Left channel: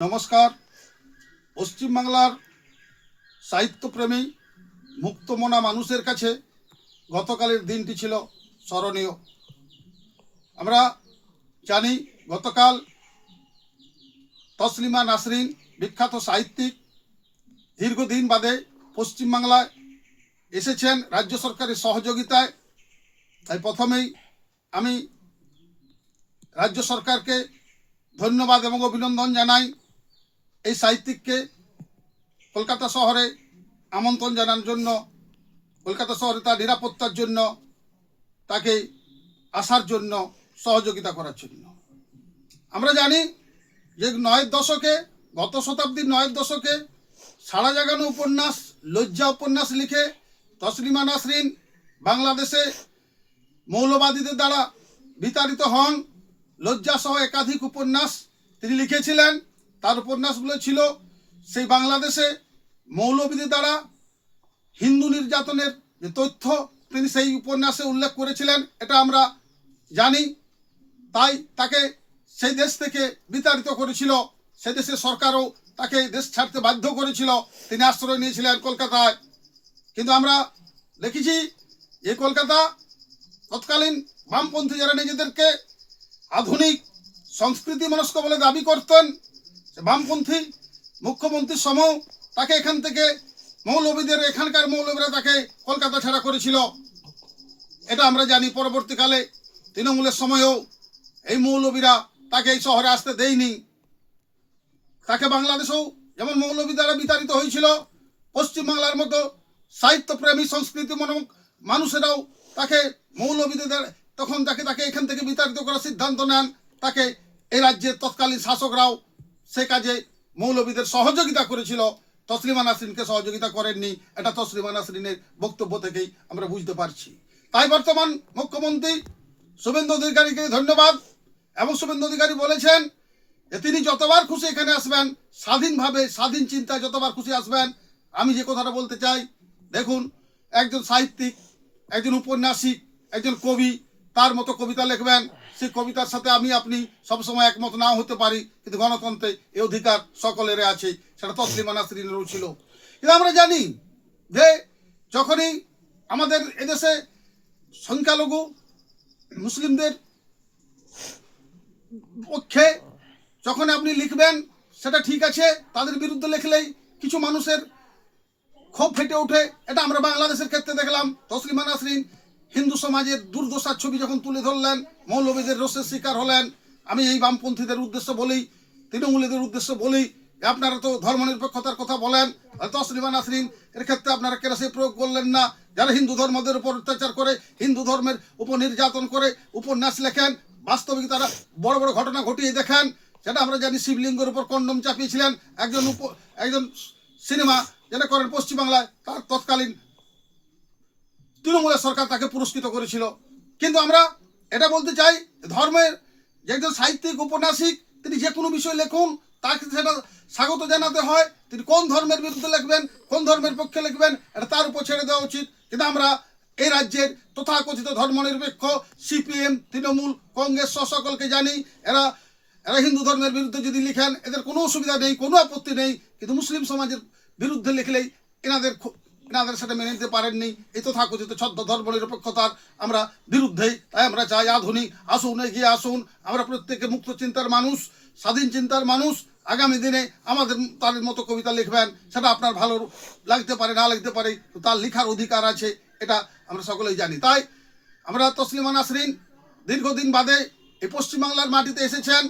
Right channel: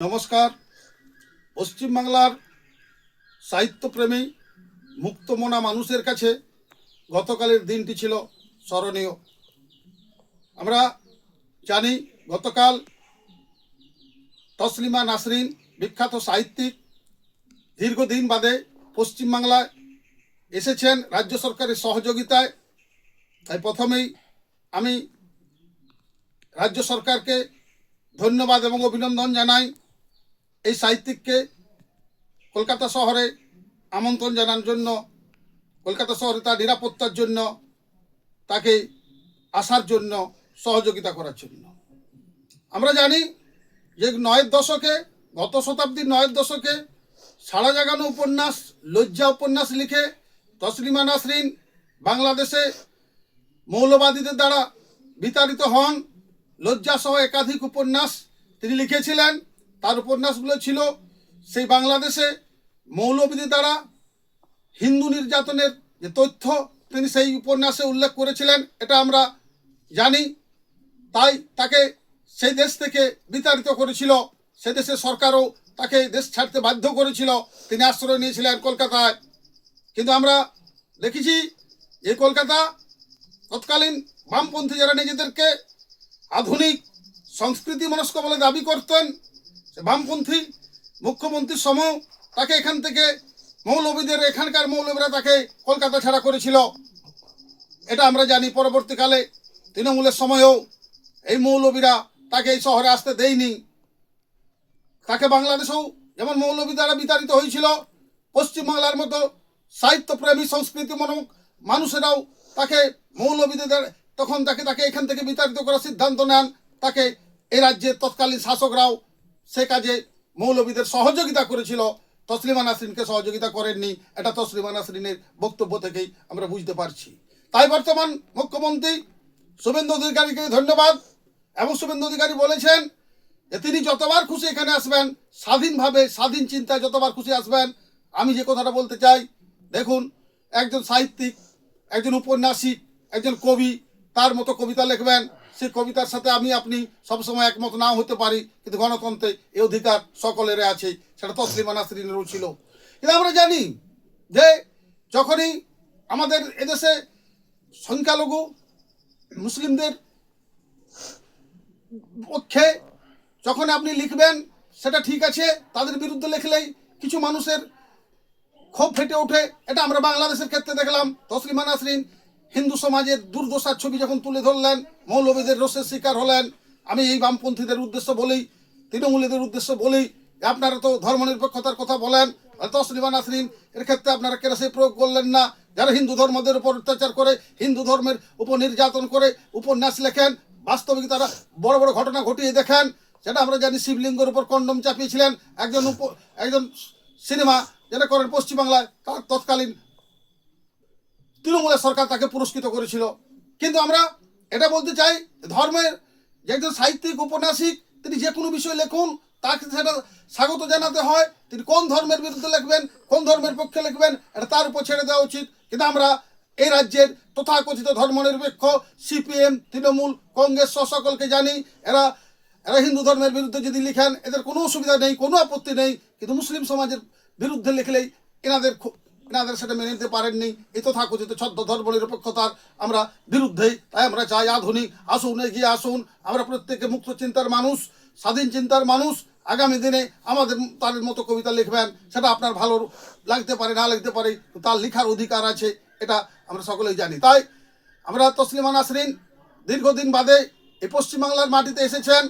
নমস্কার। পশ্চিমবাংলার সাহিত্যপ্রেমী মুক্তমনা মানুষের কাছে গতকালের দিনটি ছিল স্মরণীয়। আমরা জানি গতকাল তসলিমা নাসরিন বিখ্যাত সাহিত্যিক দীর্ঘদিন বাদে পশ্চিমবাংলায় এসেছেন রাজ্য সরকারের সহযোগিতায়। তাই প্রথমেই আমি রাজ্য সরকারকে ধন্যবাদ এবং অভিনন্দন জানাই। এই সাহিত্যিককে কলকাতা শহরে আমন্ত্রণ জানানোর জন্য, কলকাতা শহরে তার নিরাপত্তার জন্য, তাকে আসার জন্য, সহযোগিতা করার জন্য। আমরা জানি যে গত শতাব্দীর 9 দশকে সাড়া জাগানো উপন্যাস লজ্জা উপন্যাস লিখে তসলিমা নাসরিন বাংলাদেশে মৌলবাদীদের দ্বারা বিতাড়িত হন। লজ্জাসহ একাধিক উপন্যাস তিনি লিখেছিলেন। তার উপন্যাসগুলো ছিল সেই বাংলাদেশে মৌলবাদীদের দ্বারা হিন্দু নির্যাতনের যে তথ্য তিনি সেই উপন্যাসে উল্লেখ করেছিলেন, এটা আমরা জানি। তাই তাকে সেই দেশ থেকে বিতাড়িত করেছিল। সে দেশের সরকারও তাকে দেশ ছাড়তে বাধ্য করেছিল। তিনি আশ্রয় নিয়েছিলেন কলকাতায়। কিন্তু আমরা দেখেছি এই কলকাতা তৎকালীন বামপন্থী যারা নিজেদেরকে আধুনিক সংস্কৃতি মনস্ক বলে দাবি করতেন, বামপন্থী মুখ্যমন্ত্রীর সময় তাকে এখান থেকে এখানকার মৌলবীরা তাকে কলকাতা ছাড়া করেছিল। এটা আমরা জানি। পরবর্তীকালে তৃণমূলের সময়েও এই মৌলবীরা তাকে এই শহরে আসতে দেয়নি। তাকে বাংলাদেশেও যেমন মৌলবী দ্বারা বিতাড়িত হয়েছিল, পশ্চিমবাংলার মতো সাহিত্যপ্রেমী সংস্কৃতিমূলক মানুষেরাও তাকে মৌলবীদের তখন তাকে এখান থেকে বিতাড়িত করার সিদ্ধান্ত নেন। তাকে এই রাজ্যের তৎকালীন শাসকরাও সে কাজে মৌলবীদের সহযোগিতা করেছিল, তসলিমা নাসরিনকে সহযোগিতা করেননি। এটা তসলিমা নাসরিনের বক্তব্য থেকেই আমরা বুঝতে পারছি। তাই বর্তমান মুখ্যমন্ত্রী শুভেন্দু অধিকারীকে ধন্যবাদ। এবং শুভেন্দু অধিকারী বলেছেন যে তিনি যতবার খুশি এখানে আসবেন, স্বাধীনভাবে স্বাধীন চিন্তায় যতবার খুশি আসবেন। আমি যে কথাটা বলতে চাই, দেখুন, একজন সাহিত্যিক, একজন উপন্যাসিক, একজন কবি তার মতো কবিতা লিখবেন। সেই কবিতার সাথে আপনি সবসময় একমত নাও হতে পারি, কিন্তু গণতন্ত্রে এই অধিকার সকলের আছে। সেটা তসলিমা নাসরিনেরও ছিল। কিন্তু আমরা জানি যে যখনই আমাদের এদেশে সংখ্যালঘু মুসলিমদের পক্ষে যখন আপনি লিখবেন, সেটা ঠিক আছে। তাদের বিরুদ্ধে লিখলেই কিছু মানুষের ক্ষোভ ফেটে ওঠে। এটা আমরা বাংলাদেশের ক্ষেত্রে দেখলাম। তসলিমা নাসরিন হিন্দু সমাজের দুর্দশার ছবি যখন তুলে ধরলেন, মৌলবীদের রোষের শিকার হলেন। আমি এই বামপন্থীদের উদ্দেশ্য বলেই, তৃণমূলীদের উদ্দেশ্য বলেই, আপনারা তো ধর্মনিরপেক্ষতার কথা বলেন, তসলিমা নাসরিন এর ক্ষেত্রে আপনারা কেরাসি প্রয়োগ করলেন না? যারা হিন্দু ধর্মদের উপর অত্যাচার করে, হিন্দু ধর্মের উপর নির্যাতন করে উপন্যাস লেখেন, বাস্তবিক তারা বড় বড় ঘটনা ঘটিয়ে দেখেন। সেটা আমরা জানি। শিবলিঙ্গের উপর কন্ডম চাপিয়েছিলেন একজন সিনেমা যেটা করেন পশ্চিমবাংলায়, তার তৎকালীন তৃণমূলের সরকার তাকে পুরস্কৃত করেছিল। কিন্তু আমরা এটা বলতে চাই, ধর্মের যে একজন সাহিত্যিক উপন্যাসিক, তিনি যে কোনো বিষয় লেখুন, তাকে সেটা স্বাগত জানাতে হয়। তিনি কোন ধর্মের বিরুদ্ধে লিখবেন, কোন ধর্মের পক্ষে লিখবেন, এটা তার উপর ছেড়ে দেওয়া উচিত। কিন্তু আমরা এই রাজ্যের তথাকথিত ধর্মনিরপেক্ষ সিপিএম, তৃণমূল, কংগ্রেস সকলকে জানি, এরা হিন্দু ধর্মের বিরুদ্ধে যদি লিখেন এদের কোনো অসুবিধা নেই, কোনো আপত্তি নেই। কিন্তু মুসলিম সমাজের বিরুদ্ধে লিখলেই এনাদের সেটা মেনে নিতে পারেননি। এই তথাকথিত ছদ্ম ধর্মনিরপেক্ষতার আমরা বিরুদ্ধেই। তাই আমরা চাই আধুনিক আসুন, এগিয়ে আসুন। আমরা প্রত্যেকে মুক্ত চিন্তার মানুষ, স্বাধীন চিন্তার মানুষ। আগামী দিনে আমাদের তাদের মতো কবিতা লিখবেন, সেটা আপনার ভালো লাগতে পারে, না লাগতে পারে, তার লেখার অধিকার আছে, এটা আমরা সকলেই জানি। তাই আমরা তসলিমা নাসরিন দীর্ঘদিন বাদে এই পশ্চিমবাংলার মাটিতে এসেছেন।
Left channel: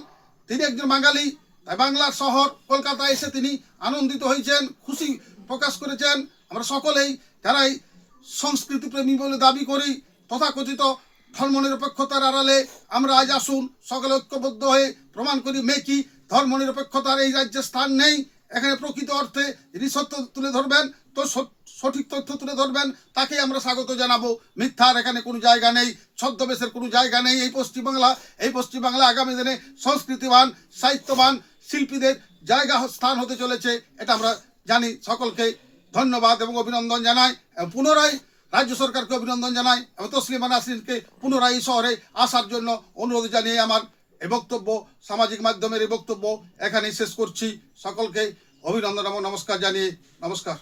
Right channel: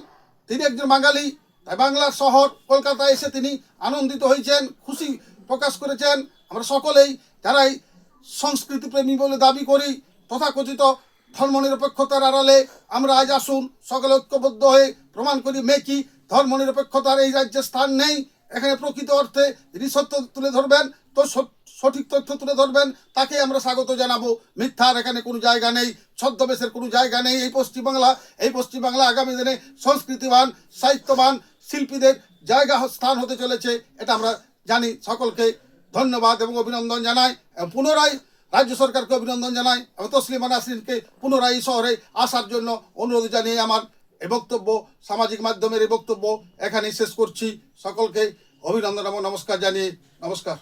তিনি একজন বাঙালি। তাই বাংলার শহর কলকাতায় এসে তিনি আনন্দিত হয়েছেন, খুশি প্রকাশ করেছেন। আমরা সকলেই যারা এই সংস্কৃতিপ্রেমী বলে দাবি করি, তথাকথিত ধর্মনিরপেক্ষতার আড়ালে আমরা আজ আসুন সকলে ঐক্যবদ্ধ হয়ে প্রমাণ করি মেকি ধর্মনিরপেক্ষতার এই রাজ্যে স্থান নেই। এখানে প্রকৃত অর্থে যিনি সত্য তুলে ধরবেন, তো সঠিক তথ্য তুলে ধরবেন, তাকে আমরা স্বাগত জানাবো। মিথ্যার এখানে কোনো জায়গা নেই, ছদ্মবেশের কোনো জায়গা নেই। এই পশ্চিমবাংলা আগামী দিনে সংস্কৃতিবান, সাহিত্যবান শিল্পীদের জায়গা স্থান হতে চলেছে, এটা আমরা জানি। সকলকে ধন্যবাদ এবং অভিনন্দন জানাই। পুনরায় রাজ্য সরকারকে অভিনন্দন জানাই এবং তসলিমা নাসরিনকে পুনরায় এই শহরে আসার জন্য অনুরোধ জানিয়ে আমার এই বক্তব্য, সামাজিক মাধ্যমের এই বক্তব্য এখানেই শেষ করছি। সকলকে অভিনন্দন এবং নমস্কার জানিয়ে নমস্কার।